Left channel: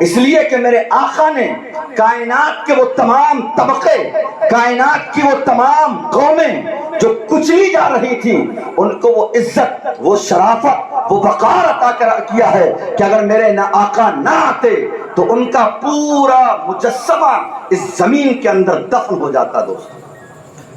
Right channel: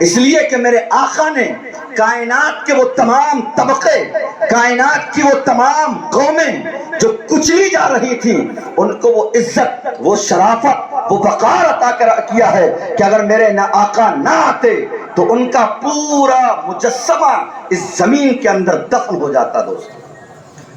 اس لیے کہ میرے آقا نے کائنات کے وہ تمام طبقے، کائنات کی وہ تمام قومیں جو کچلی جا رہی تھی، ان کو وہ عزت، وہ شرافت، وہ وقار عطا کیا ہے کہ اگر میرے آقا نہ آتے تو ان کا پورا مجسمہ اس زمین کے اندر دفن ہو جاتا۔ دوستو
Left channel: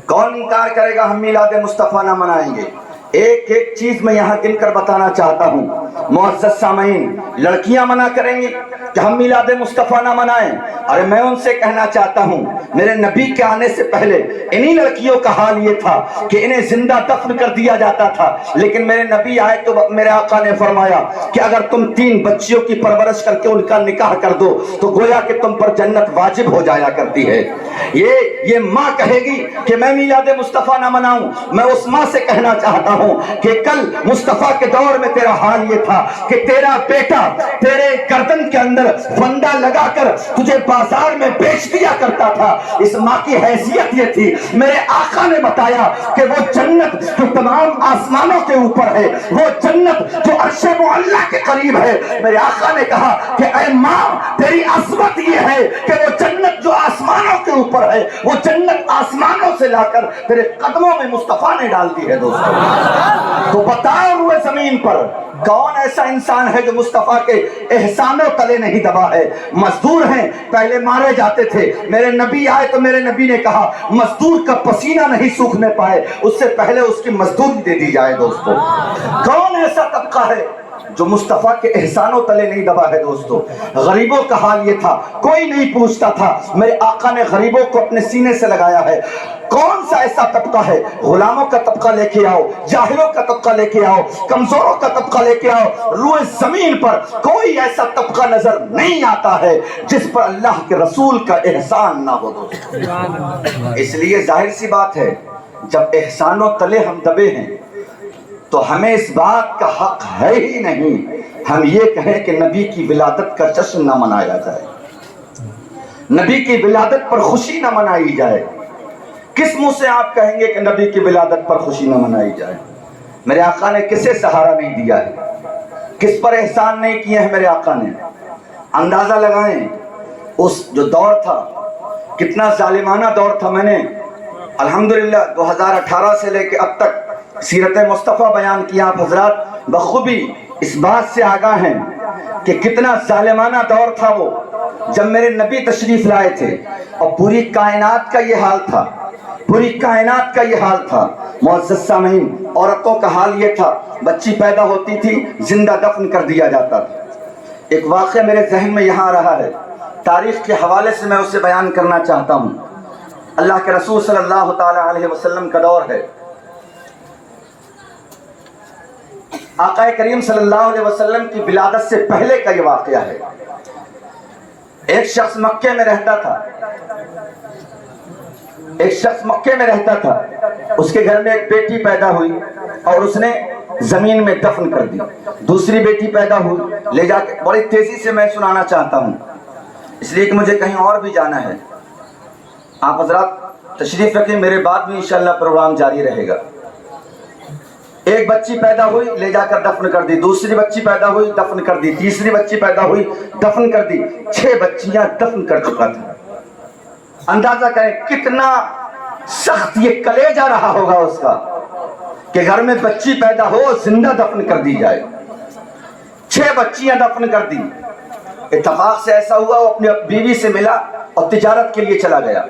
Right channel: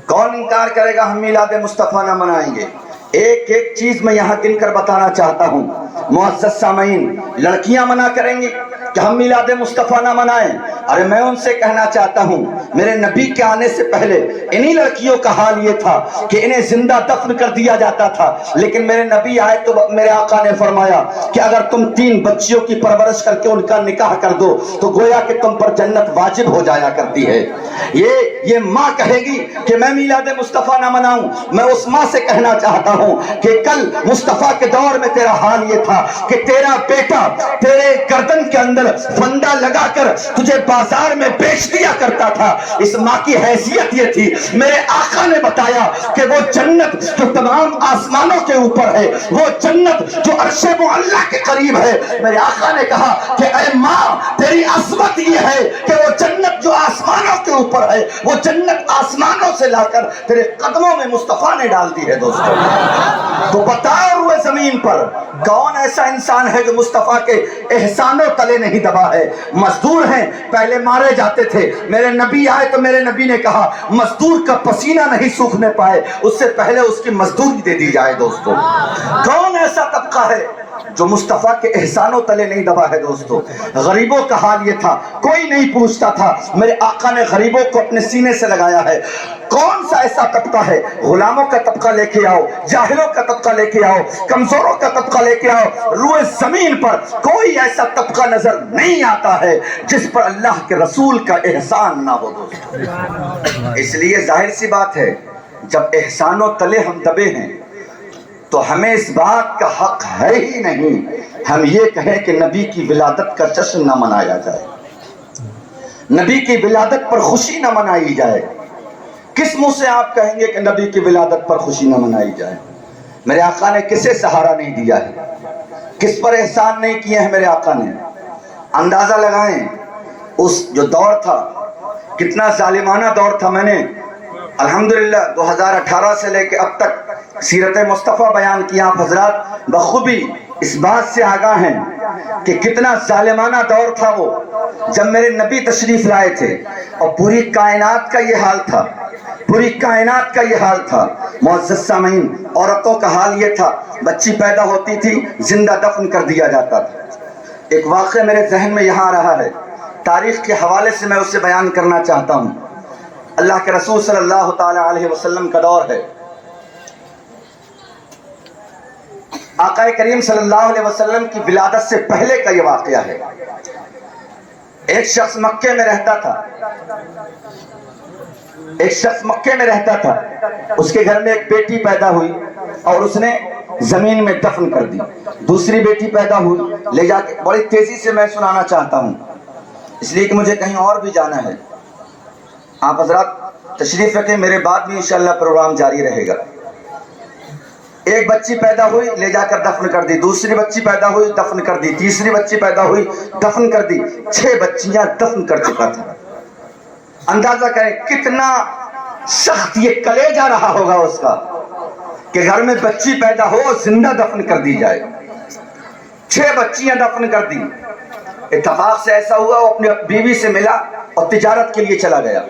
کون انکار کرے گا ہم میلاد مصطفیٰ نہ منائیں گے؟ ایک ایک چیز میں یہاں گن کر بتانا چاہتا ہوں۔ معزز سامعین، لڑکیاں منع کریں گی کہ ہم میلاد مصطفیٰ نہ منائیں، اور میں ان سے کہنا چاہتا ہوں میرے نبی کے آنے سے پہلے انہی لڑکیوں کا حال یہ تھا کہ انہیں زندہ دفن کر دیا جاتا تھا، لیکن میرے نبی آئے تو میرے آقا نے فرمایا کہ اگر تم 3 بچیوں کی پرورش کر کے ان کا نکاح کر دو تو گویا کہ تم پر جنت واجب ہو جایا کرتی ہے۔ یہ ماں کہے گی کہ میں میلاد مصطفیٰ نہ مناؤں، میں اس ماں سے کہنا چاہتا ہوں کہ کل مصطفیٰ کے دور میں تیرا حال یہ تھا کہ تیرا بیٹا تیرے گردن کے اندر فندہ لگا کر تجھے بازار میں بیچ دیا کرتا تھا۔ اس ماں کی حیثیت یہ تھی۔ میرے آقا نے بتایا کہ وہ جنت جو تمام آسمانوں کے اوپر ہے، وہ جنت جو عرش معلیٰ کے قریب ہے، میرے آقا نے کہا کہ اے ماں تیری عظمت یہ ہے کہ وہ جنت جو آسمانوں کے اوپر ہے، وہ جنت آسمانوں سے لا کر تیرے قدموں میں مصطفیٰ نے ڈال دی ہے۔ دوستو تو بتائے ہوئے زمین پر کون ایسا انسان ہے جو مصطفیٰ کے احسانوں تلے نہیں دبا ہے؟ مزدور ہیں، پہلے مارے جاتے تھے، میرے نبی آئے تو میرے نبی نے کہا مزدور کا پسینہ نہیں سوکھنے پائے اس سے پہلے اس کی مزدوری دے دی جائے۔ دوستو کون ایسا طبقہ ہے جو مصطفیٰ کے احسانوں تلے نہیں دبا ہے؟ دوستو غریبوں کا حال یہ تھا، کوئی نہیں پوچھتا تھا، میرے آقا نے غریبوں کو اپنے سینے سے لگایا ہے۔ کون سا ایسا طبقہ ہے؟ غلاموں کا طبقہ لے کے آؤ، جاہلوں کا طبقہ لے کے آؤ، کمزوروں کا طبقہ لے کے آؤ، روئے زمین پر کوئی ایسا طبقہ نظر نہیں آتا ہے جس پر اللہ کے رسول کا احسان نہ ہو۔ دوستو اس لیے ظاہر سی بات ہے جب احسانوں تلے ہم دبے ہیں تو ہمیں اس بات کا حق ہے ہی نہیں ہم یہ کہیں کہ نبی کی ولادت کا جشن نہ منایا جائے، نبی کی ولادت پر خوشی نہ منائی جائے۔ کس منہ سے آپ کہیں گے کہ نبی کی ولادت پر خوشی نہ منائی جائے؟ میرے آقا نے کسے سہارا نہیں دیا ہے، کس پر احسان نہیں کیے ہیں میرے آقا نے؟ اندازہ لگائیں اس جو دور تھا کتنا ظالمانہ دور تھا۔ میں نے الحمدللہ 2018 سے لے کے اب تک سیرت مصطفیٰ بیان کیا، آپ حضرات بخوبی اس بات سے آگاہ ہیں کہ کتنا ظالمانہ دور تھا وہ جب میرے نبی تشریف لائے تھے، اور پوری کائنات کا یہ حال تھا، پوری کائنات کا یہ حال تھا۔ معزز سامعین، عورتوں کا حال یہ تھا، بچی پیدا ہوتی تھی زندہ دفن کر دیا جاتا تھا۔ ایک واقعہ میرے ذہن میں یہاں رہا ہے، تاریخ کے حوالے سے میں اسے بیان کرنا چاہتا ہوں۔ اللہ کے رسول صلی اللہ تعالی علیہ وسلم کا دور ہے، آقا کریم صلی اللہ علیہ وسلم کی ولادت سے پہلے کا یہ واقعہ ہے۔ ایک شخص مکے میں رہتا تھا، اس کے گھر میں ایک بیٹی پیدا ہوئی اور اس نے زمین میں دفن کر دی۔ دوسری بیٹی پیدا ہوئی، لے جا کے، بڑی تیزی سے میں سنانا چاہتا ہوں اس لیے کہ مجھے کہیں اور بھی جانا ہے۔ آپ حضرات تشریف رکھیں، میرے بعد بھی انشاءاللہ پروگرام جاری رہے گا۔ ایک بچی پیدا ہوئی، لے جا کر دفن کر دی، دوسری بچی پیدا ہوئی، دفن کر دی، تیسری بچی پیدا ہوئی، دفن کر دی، 6 بچیاں دفن کر چکا تھا۔ اندازہ کریں کتنا سخت یہ کلیجہ رہا ہوگا اس کا کہ گھر میں بچی پیدا ہو زندہ دفن کر دی جائے۔ 6 بچیاں دفن کر دی۔ اتفاق سے ایسا ہوا وہ اپنی بیوی سے ملا اور تجارت کے لیے چلا گیا،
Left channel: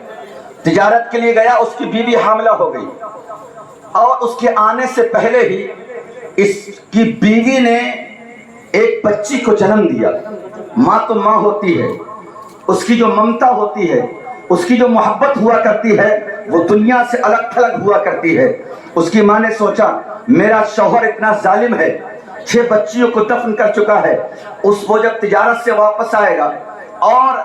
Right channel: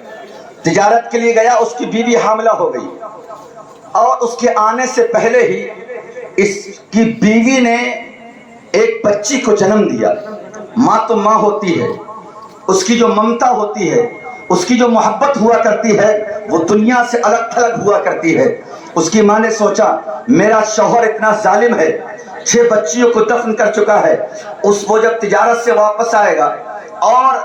تجارت کے لیے گیا، اس کی بیوی حاملہ ہو گئی، اور اس کے آنے سے پہلے ہی اس کی بیوی نے ایک بچی کو جنم دیا۔ ماں تو ماں ہوتی ہے، اس کی جو ممتا ہوتی ہے، اس کی جو محبت ہوا کرتی ہے وہ دنیا سے الگ تھلگ ہوا کرتی ہے۔ اس کی ماں نے سوچا میرا شوہر اتنا ظالم ہے، 6 بچیوں کو دفن کر چکا ہے، وہ جب تجارت سے واپس آئے گا اور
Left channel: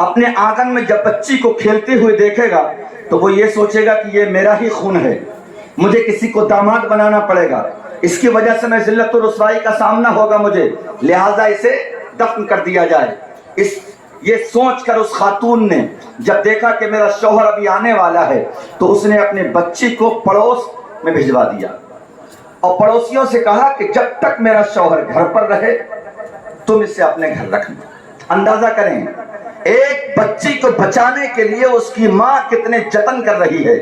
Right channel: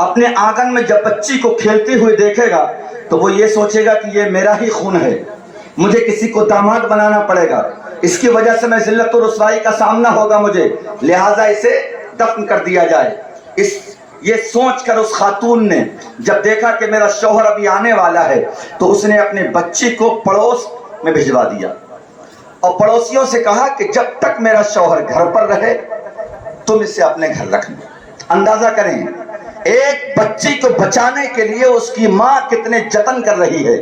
اپنے آنگن میں جب بچی کو کھیلتے ہوئے دیکھے گا تو وہ یہ سوچے گا کہ یہ میرا ہی خون ہے، مجھے کسی کو داماد بنانا پڑے گا، اس کی وجہ سے میں ذلت و رسوائی کا سامنا ہوگا مجھے، لہٰذا اسے دفن کر دیا جائے۔ یہ سوچ کر اس خاتون نے جب دیکھا کہ میرا شوہر ابھی آنے والا ہے تو اس نے اپنے بچی کو پڑوس میں بھجوا دیا اور پڑوسیوں سے کہا کہ جب تک میرا شوہر گھر پر رہے تم اسے اپنے گھر رکھنا، اندازہ کریں ایک بچی کو بچانے کے لیے اس کی ماں کتنے جتن کر رہی ہے.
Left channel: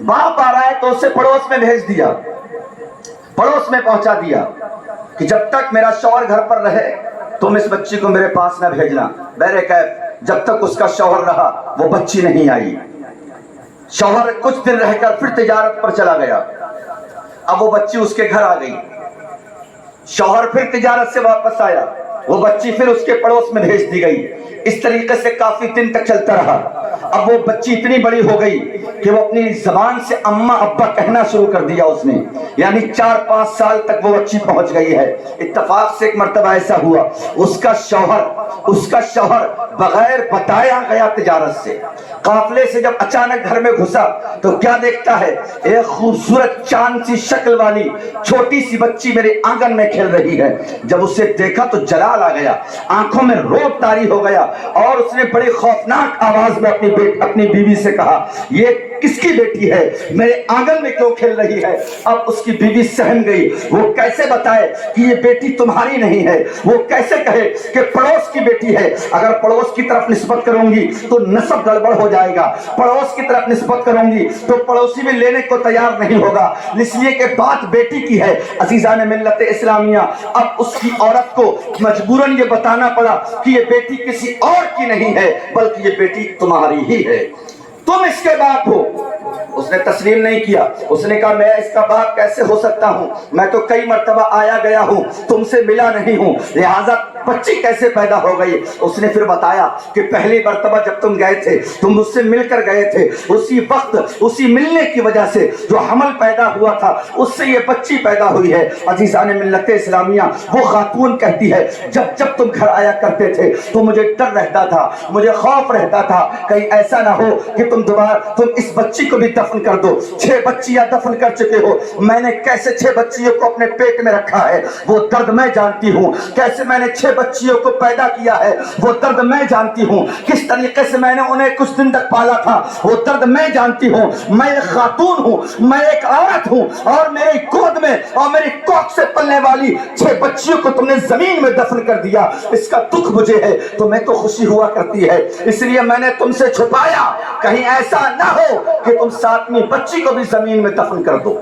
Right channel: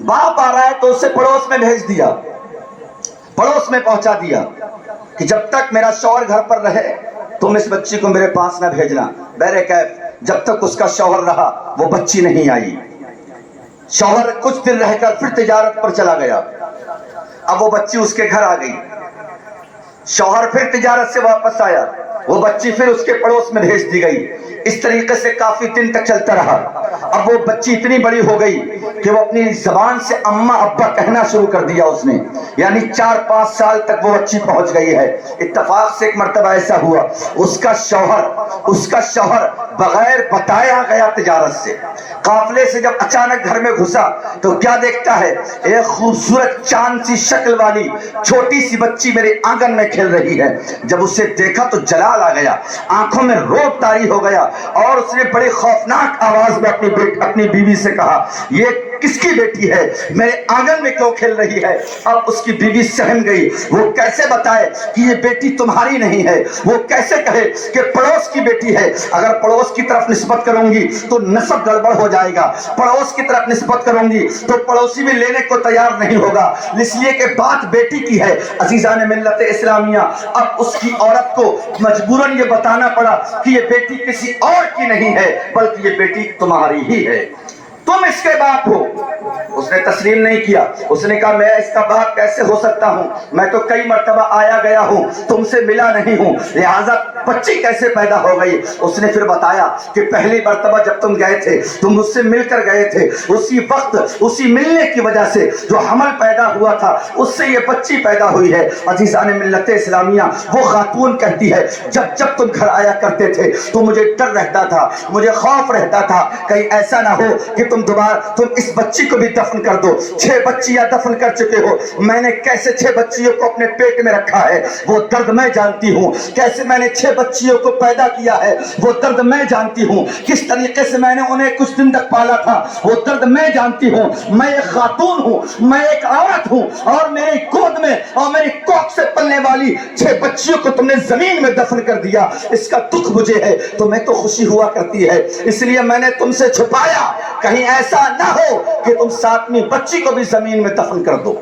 باپ آ رہا ہے تو اسے پڑوس میں بھیج دیا, پڑوس میں پہنچا دیا کہ جب تک میرا شوہر گھر پر رہے تم اس بچی کو میرے پاس نہ بھیجنا. بہرکیف جب تک اس کا شوہر رہا وہ بچی نہیں آئی. شوہر کچھ دن رہ کر پھر تجارت پر چلا گیا. اب وہ بچی اس کے گھر آ گئی. شوہر پھر تجارت سے واپس آیا, وہ بچی پھر اس کے پڑوس میں بھیج دی گئی. اس طریقے سے کافی دن تک چلتا رہا. اب وہ بچی اتنی بڑی ہو گئی کہ وہ اپنی زبان سے اماں ابا کہنا شروع کر دیا اس نے, یعنی 4-5 سال تک وہ بچی پہنچ گئی ہے. اتفاق سے ایک مرتبہ ایسا ہوا اس کا شوہر بغیر بتایا گیا تجارت سے قافلے سے جب اچانک گھر میں گھسا تو کیا دیکھتا ہے, ایک خوبصورت چاند سی شکل والی چھوٹی سی بچی میرے آنگن میں کھیل رہی ہے. جب اسے دیکھا تو جلال آ گیا, آنکھوں میں روب طاری ہو گیا اور اس نے بڑی خوفناک آواز میں اپنی بیوی سے کہا یہ کس کی بیٹی ہے, میرے آنگن میں کیوں کھیل رہی ہے؟ اب اس کی بیوی سہم گئی. وہ کیسے بتائے کہ یہ بیٹی تمہاری نہیں ہے, وہ کیسے کہے کہ پڑوس کی بیٹی ہے؟ اگر پڑوس کی طرف نسبت کروں گی تو نسب گڑبڑ ہو جائے گا, پڑوس کی طرف نسبت کروں گی تو پڑوسی بھی لینے کو تیار نہیں ہوگا, اس لیے کہ بات بیٹی کی ہے. عزیزان ملت اسلامیہ, اب اس کی عورت کو مجبوراً یہ بتانا پڑا کہ یہ بیٹی کسی اور کی نہیں ہے بلکہ یہ بیٹی تمہاری ہی ہے, تم اس کے باپ ہو. اس نے تسلیم نہیں کیا. اس نے کہا میں اس کا باپ کیسے ہو سکتا ہوں, میں تو کئی مرتبہ آیا گیا ہوں, تم سے ملا نہیں ہوں, لہٰذا بچی کیسے پیدا ہو گئی؟ اس نے پھر بتایا کہ پہلی مرتبہ جب تم گئے تھے, تم مجھ سے مل کر گئے تھے, اسی وقت اسی ملنے کی وجہ سے جو حمل پیدا ہوا تھا اس سے یہ بچی پیدا ہوئی ہے. عزیزان ملت اسلامیہ, وہ خاتون کہتی ہے جب جب تم گھر آیا کرتے تھے تو مجھے ڈر رہتا تھا, مجھے خوف رہتا تھا کہیں ایسا نہ ہو کہ تم اس بچی کو بھی دفن کر دو. 6 بچیاں دفن کر چکے ہو, میں نے کیسے 6 بچیوں کو اپنے پیٹ میں رکھا ہے وہ درد میں جانتی ہوں, کیسے میں نے 6 بچیوں کو پیدا کیا ہے وہ درد میں جانتی ہوں, کس طریقے سے میں نے انہیں کچھ دن تک پالا تھا وہ درد میں جانتی ہوں. میں ایک خاتون ہوں, میں ایک عورت ہوں, اور میری گود میں اور میری کوکھ سے پلنے والی 6 بچیوں کو تم نے زمین میں دفن کر دیا. اس کا دکھ مجھے ہے, تمہیں تو خوشی ہوا کرتی ہے, اس لیے میں نے تم سے چھپایا کہیں ایسا نہ ہو کہ تم 7ویں بچی کو بھی زمین میں دفن کر دو.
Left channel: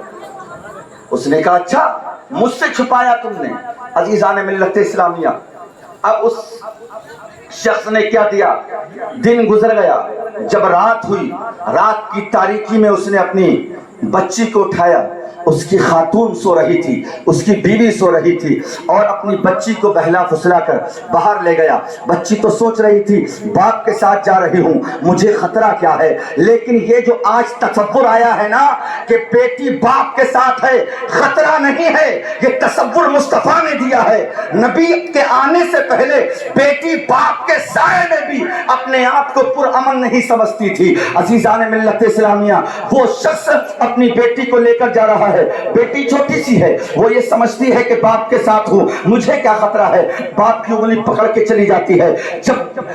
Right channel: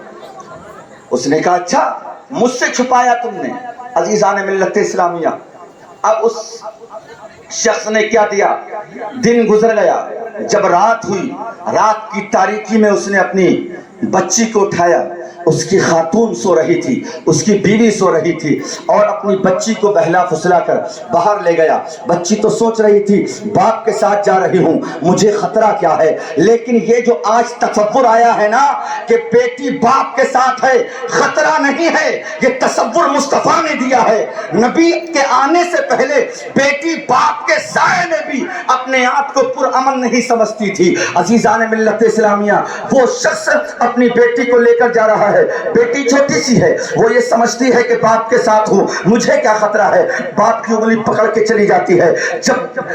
اس نے کہا اچھا مجھ سے چھپایا تم نے. عزیزان ملت اسلامیہ, اب اس شخص نے کیا دیا, دن گزر گیا, جب رات ہوئی, رات کی تاریکی میں اس نے اپنی بچی کو اٹھایا. اس کی خاتون سو رہی تھی, اس کی بیوی سو رہی تھی, اور اپنی بچی کو بہلا پھسلا کر باہر لے گیا. بچی تو سوچ رہی تھی باپ کے ساتھ جا رہی ہوں, مجھے خطرہ کیا ہے, لیکن یہ جو آج تصور آیا ہے نا کہ بیٹی باپ کے ساتھ ہے, خطرہ نہیں ہے, یہ تصور مصطفیٰ نے دیا ہے. نبی کے آنے سے پہلے بیٹی باپ کے سائے میں بھی اپنے آپ کو پرامن نہیں سمجھتی تھی. عزیزان ملت اسلامیہ, وہ شخص اپنی بیٹی کو لے کر جا رہا ہے, بیٹی چھوٹی سی ہے, وہ یہ سمجھتی ہے کہ باپ کے ساتھ ہوں, مجھے کیا خطرہ ہے. باپ کی انگلی پکڑ کے چلی جاتی ہے.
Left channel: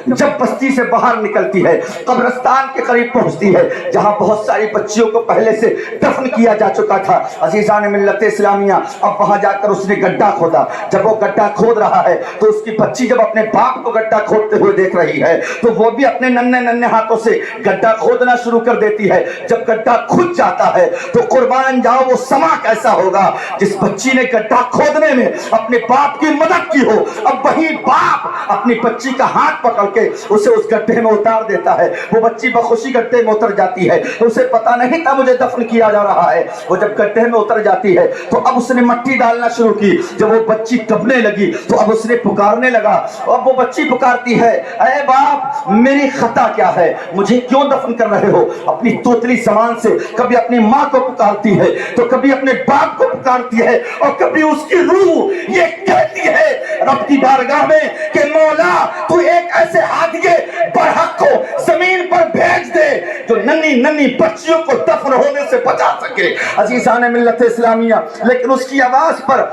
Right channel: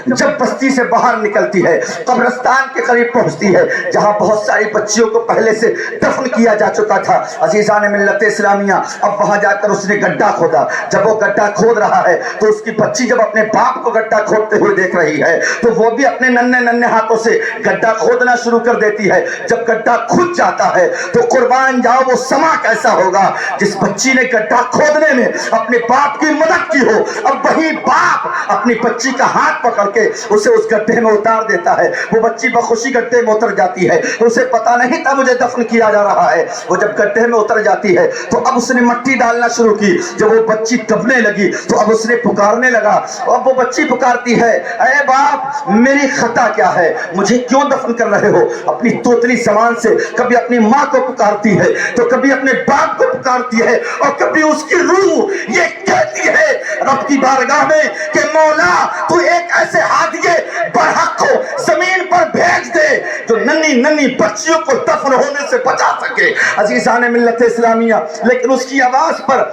جب بستی سے باہر نکلتی ہے, قبرستان کے قریب پہنچتی ہے جہاں بہت ساری بچیوں کو پہلے سے دفن کیا جا چکا تھا. عزیزان ملت اسلامیہ, اب وہاں جا کر اس نے گڈھا کھودا. جب وہ گڈھا کھود رہا ہے تو اس کی بچی جب اپنے باپ کو گڈھا کھودتے ہوئے دیکھ رہی ہے تو وہ بھی اپنے ننھے ہاتھوں سے گڈھا کھودنا شروع کر دیتی ہے. جب گڈھا کھود جاتا ہے تو قربان جاؤ وہ سما کیسا ہوگا جس بچی نے گڈھا کھودنے میں اپنے باپ کی مدد کی ہو. اب وہی باپ اپنی بچی کا ہاتھ پکڑ کے اسے اس گڈھے میں اتار دیتا ہے. وہ بچی بخوشی گڈھے میں اتر جاتی ہے, اسے پتا نہیں تھا مجھے دفن کیا جا رہا ہے. وہ جب گڈھے میں اتر جاتی ہے تو اب اس نے مٹی ڈالنا شروع کی. جب وہ بچی دبنے لگی تو اب اس نے پکارنے لگا. اب وہ بچی پکارتی ہے, اے باپ میری خطا کیا ہے, مجھے کیوں دفن کر رہے ہو. اپنی توتلی زبان سے کبھی اپنی ماں کو پکارتی ہے تو کبھی اپنے باپ کو پکارتی ہے, اور کبھی اس کی روح یہ کہتی ہے رب کی بارگاہ میں کہ مولا تو ایک ایسے ہادیے برحق کو زمین پر بھیج دے جو ننھی بچیوں کو دفن ہونے سے بچا سکے. عزیزان ملت اسلامیہ, لیکن اس کی آواز پر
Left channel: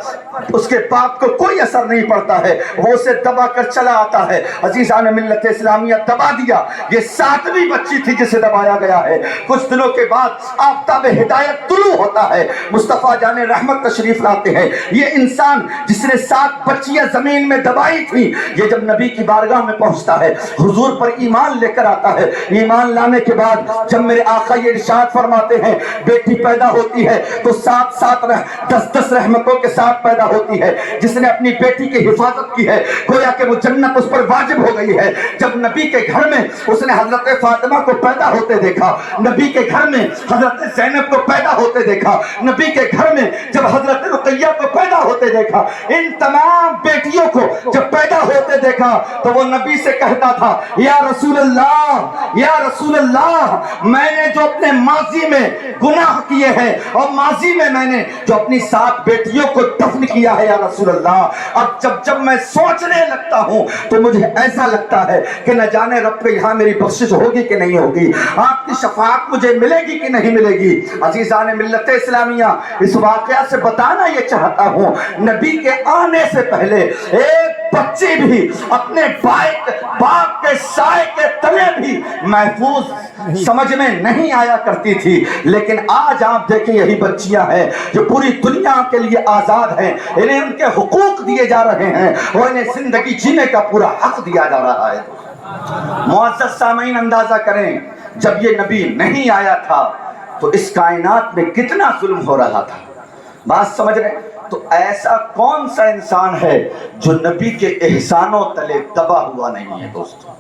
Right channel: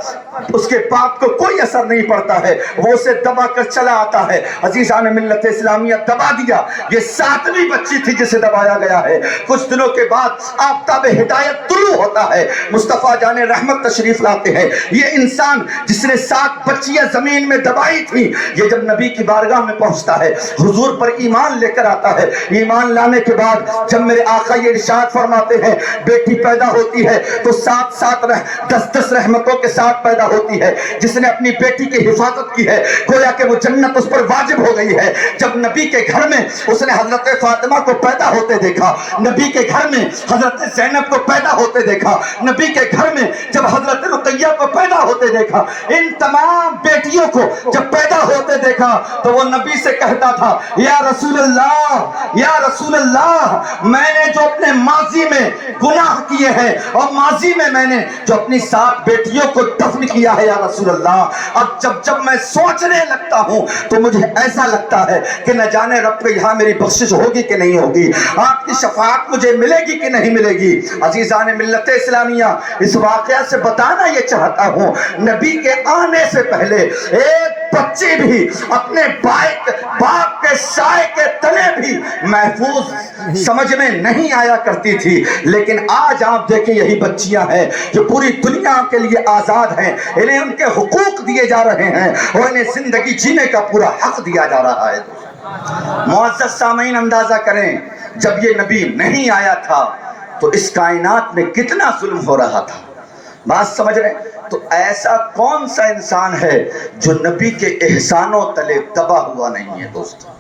اس کے باپ کو کوئی اثر نہیں پڑتا ہے، وہ اسے دبا کر چلا آتا ہے۔ عزیزان ملت اسلامیہ دبا دیا، یہ 7ویں بچی تھی جسے دبایا گیا ہے۔ کچھ دنوں کے بعد آفتاب ہدایت طلوع ہوتا ہے، مصطفیٰ جان رحمت تشریف لاتے ہیں۔ یہ انسان جس نے 7 بچیاں زمین میں دبائی تھی، یہ جب نبی کی بارگاہ میں پہنچتا ہے، حضور پر ایمان لے کر آتا ہے۔ ایمان لانے کے بعد جب میرے آقا یہ ارشاد فرماتے ہیں بیٹی پیدا ہوتی ہے تو 10 رحمتوں کے ساتھ پیدا ہوتی ہے۔ جس نے اپنی بیٹی کی حفاظت کی ہے گویا کہ وہ جنت اس پر واجب ہو گئی ہے۔ جب نبی کے گھر میں اس نے حضرت فاطمہ کو پیدا ہوتے دیکھا، نبی کے گھر میں حضرت زینب کو پیدا ہوتے دیکھا، نبی کے گھر میں جب حضرت رقیہ کو پیدا ہوتے دیکھا، ان تمام بیٹیوں کو جب پیدا ہوتے دیکھا تو وہ نبی سے کہتا تھا یا رسول اللہ، یا رسول اللہ، میں نے جو اپنے ماضی میں گناہ کیے ہیں اور ماضی میں نے جو اپنی 7 بیٹیوں کو دفن کیا ہے یا رسول اللہ، اب جب میں سوچنے لگتا ہوں تو مجھے ایسا لگتا ہے کہ نہ جانے رب کے یہاں میری بخشش ہوگی کہ نہیں ہوگی، آپ کی شفاعت مجھے ملے گی کہ نہیں ملے گی۔ عزیزان ملت اسلامیہ، اس واقعہ سے بتانا یہ چاہتا ہوں، نبی کے آنے سے پہلے ایک بچی بھی اپنے باپ کے سائے کے تلے بھی محفوظ سمجھ میں نہیں آیا کرتی تھی، لیکن آج آپ دیکھیں یہی بچیاں ہیں جو پوری دنیا کے لیے آزاد ہیں، انہیں ان کے حقوق دیے جا رہے ہیں اور انہیں زندگی جینے کا پورا حق دیا جا رہا ہے۔ معزز سامعین، اندازہ کریں جب یہ نبی نہیں آیا تھا تو اس کائنات میں کتنا ظلم ہو رہا تھا، بات سمجھ رہے ہیں؟ تو ایسا کون سا انسان ہے جو نبی کے احسانوں تلے دبا ہوا نہیں ہے دوستو،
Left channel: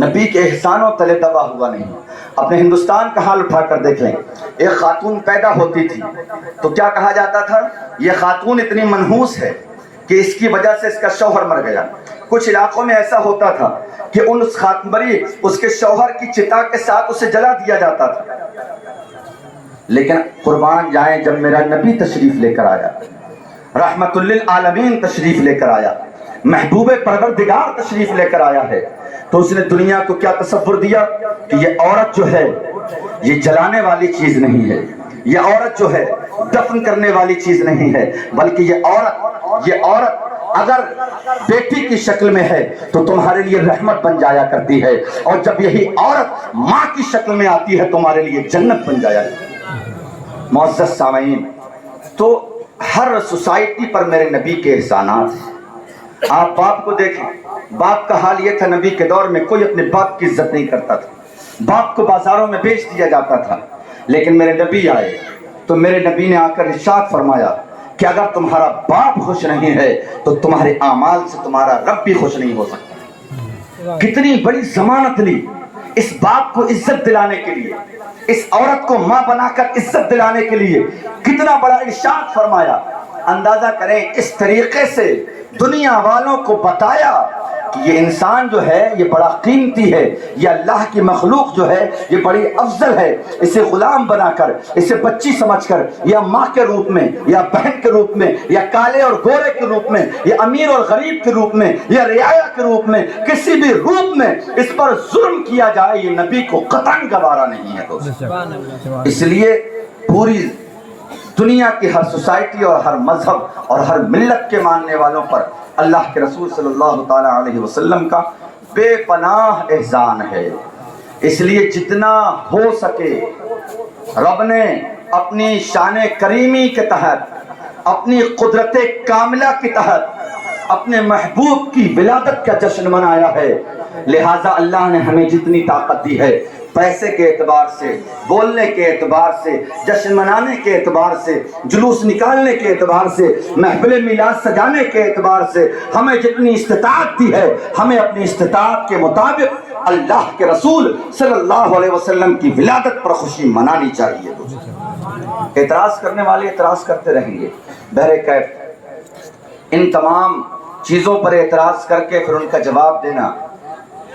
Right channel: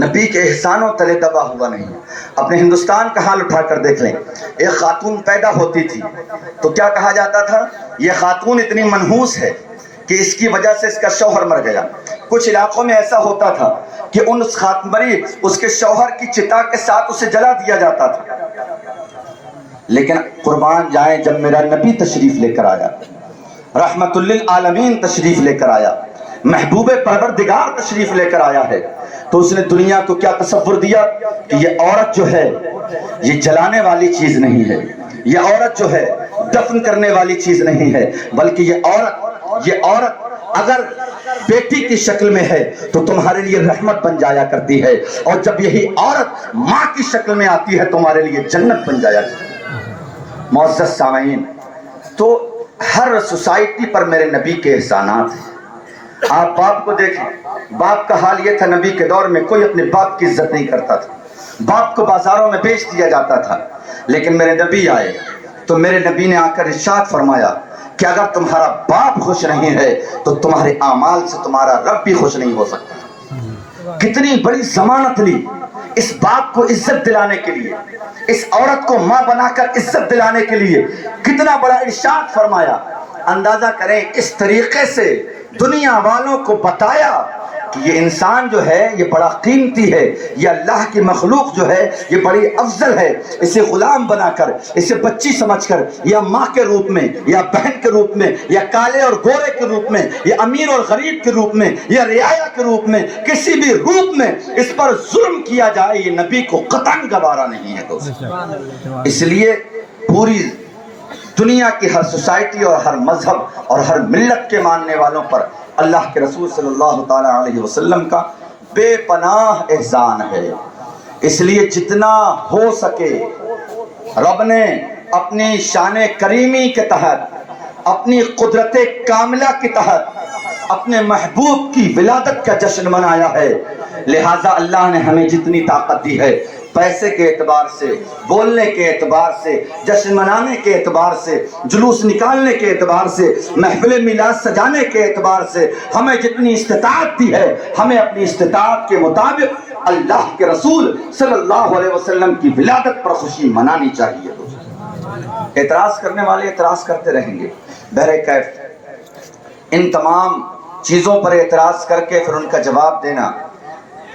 نبی کے احسانوں تلے دبا ہوا نہیں ہے۔ اپنے ہندوستان کا حال اٹھا کر دیکھ لیں، ایک خاتون پیدا ہوتی تھی تو کیا کہا جاتا تھا، یہ خاتون اتنی منحوس ہے کہ اس کی وجہ سے اس کا شوہر مر گیا۔ کچھ علاقوں میں ایسا ہوتا تھا کہ اس کے شوہر کی چتا کے ساتھ اسے جلا دیا جاتا تھا، لیکن قربان جائیں جب میرا نبی تشریف لے کر آیا، رحمت للعالمین تشریف لے کر آیا، محبوب پروردگار تشریف لے کر آیا ہے، تو اس نے دنیا کو کیا تصور دیا کہ یہ عورت جو ہے یہ جلانے والی چیز نہیں ہے، یہ عورت جو ہے دفن کرنے والی چیز نہیں ہے، بلکہ یہ عورت اگر بیٹی کی شکل میں ہے تو تمہارے لیے رحمت بن جایا کرتی ہے، اور جب یہی عورت ماں کی شکل میں آتی ہے تمہارے لیے جنت بن جایا کرتی ہے۔ معزز سامعین، تو ہر سوسائٹی پر میرے نبی کے احسانات ہیں۔ آپ باپ کو دیکھیں، باپ کا حال یہ تھا نبی کے دور میں کوئی اپنے باپ کی عزت نہیں کرتا تھا، باپ کو بازاروں میں بیچ دیا جاتا تھا، لیکن میرے نبی آئے تو میرے نبی نے آ کر ارشاد فرمایا کہ اگر تمہارا باپ خوش نہیں ہے تو تمہارے اعمال سے تمہارا رب بھی خوش نہیں ہو سکتا۔ کتنی بڑی ضمانت لی اس باپ کو عزت دلانے کے لیے، اس عورت کو ماں بنا کر عزت دلانے کے لیے، کتنا بڑا ارشاد فرمایا۔ اندازہ کریں اس طریقے سے دنیا والوں کو بتایا کہ یہ انسان جو ہے یہ بڑا قیمتی ہے، یہ اللہ کی مخلوق جو ہے یہ بڑی افضل ہے، اسے غلام بنا کر، اسے بچی سمجھ کر، یا ماں کے روپ میں، یا بہن کے روپ میں، یا کالے اور گورے کے روپ میں، یا امیر اور غریب کے روپ میں، یا رعایا کے روپ میں، کسی بھی روپ میں اس پر ظلم کیا جائے، یہ نبی کو قطعاً گوارا نہیں ہے دوستو۔ اس لیے پوری دنیا کی ہر سوسائٹی اور ہر مذہب اور ہر ملت کے ماننے والوں پر اللہ کے رسول صلی اللہ تعالی علیہ وسلم کا بے پناہ احسان ہے۔ اس لیے جتنا ہو سکے رب نے اپنی شان کریمی کے تحت، اپنی قدرت کاملہ کے تحت اپنے محبوب کی ولادت کا جشن منایا ہے، لہٰذا اللہ نے ہمیں جتنی طاقت دی ہے، پیسے کے اعتبار سے، بولنے کے اعتبار سے، جشن منانے کے اعتبار سے، جلوس نکالنے کے اعتبار سے، محفل میلاد سجانے کے اعتبار سے ہمیں جتنی استطاعت دی ہے، ہمیں اپنی استطاعت کے مطابق اللہ کے رسول صلی اللہ علیہ وسلم کی ولادت پر خوشی منانی چاہیے۔ اعتراض کرنے والے اعتراض کرتے رہیں گے، بہرکیف ان تمام چیزوں پر اعتراض کر کے پھر ان کا جواب دینا،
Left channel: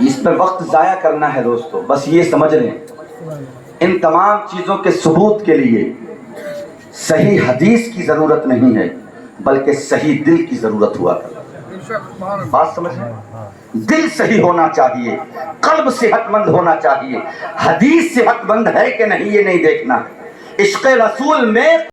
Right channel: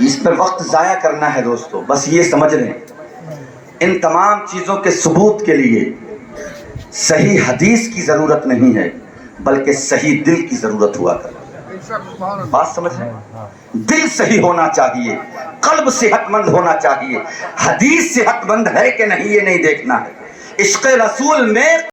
اس پر وقت ضائع کرنا ہے دوستو۔ بس یہ سمجھ لیں ان تمام چیزوں کے ثبوت کے لیے صحیح حدیث کی ضرورت نہیں ہے، بلکہ صحیح دل کی ضرورت ہوا کرتی۔ بات سمجھ لیں، دل صحیح ہونا چاہیے، قلب صحت مند ہونا چاہیے، حدیث صحت مند ہے کہ نہیں یہ نہیں دیکھنا ہے، عشق رسول میں